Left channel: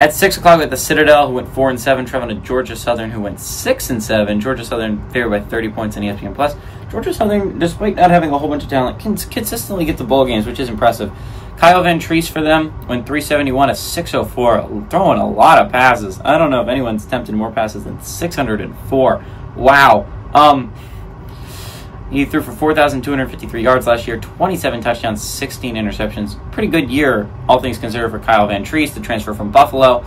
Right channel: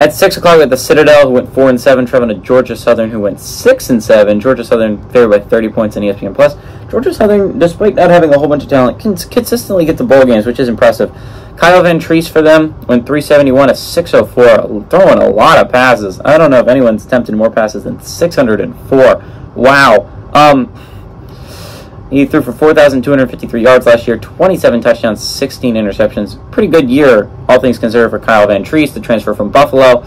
At 6 o'clock, we had the Citadel, who went 4-7, traveling to Georgia Southern, who went 6-7. Georgia Southern favored by 30 points on ESPN+. Georgia Southern, despite not having a whole bunch of talent, can consistently get to bowl games, which is impressive. Kyle Van Treese for them went 371, a 604, throwing a lot of passes. I don't know if anyone's attempted more passes than 604. Wow. He threw for 4,253 yards last year, 27 touchdowns, 16 interceptions. Pretty good year, all things considered, for Kyle Van Treese, the transfer from Buffalo.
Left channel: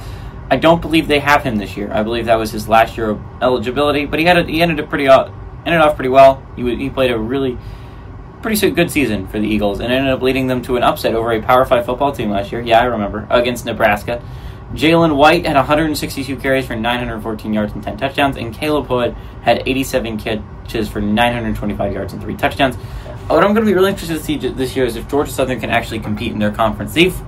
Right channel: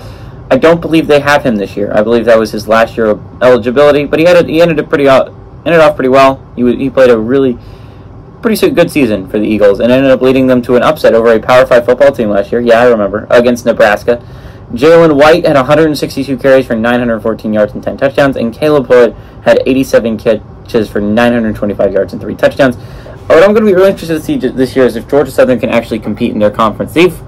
I don't believe they have him this year. I believe that was his last year of eligibility, but he ended off pretty well. He played a really pretty good season for the Eagles and ended up leading them to an upset over a Power 5 football team last year. Yeah, I remember, against Nebraska. Jalen White had 162 carries for 914 yards and 10 touchdowns, and Caleb Hood had 87 catches for 925 yards and 3 touchdowns. What I'm going to be really interested to see this year is if Georgia Southern can actually compete in their conference. They've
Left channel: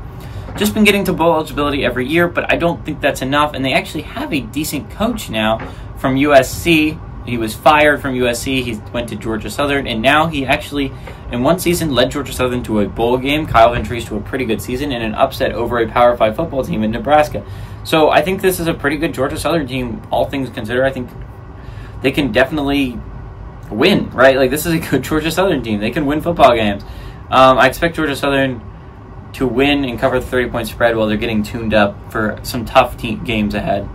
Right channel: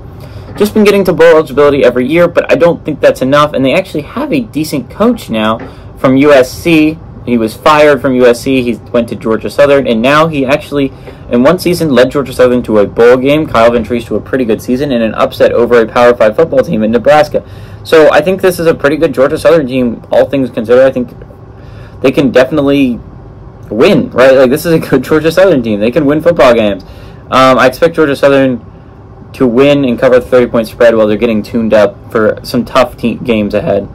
just been getting to bowl eligibility every year, but I don't think that's enough, and they actually have a decent coach now from USC. He was fired from USC, he went to Georgia Southern, and now he actually, in one season, led Georgia Southern to a bowl game, Kyle Van Treese to a pretty good season, and an upset over a Power 5 football team in Nebraska. So I think this is a pretty good Georgia Southern team, all things considered. I think they can definitely win, right? Like, this is a good Georgia Southern team. They can win football games. I expect Georgia Southern to win and cover the 30-point spread while they're getting tuned up for some tough games ahead.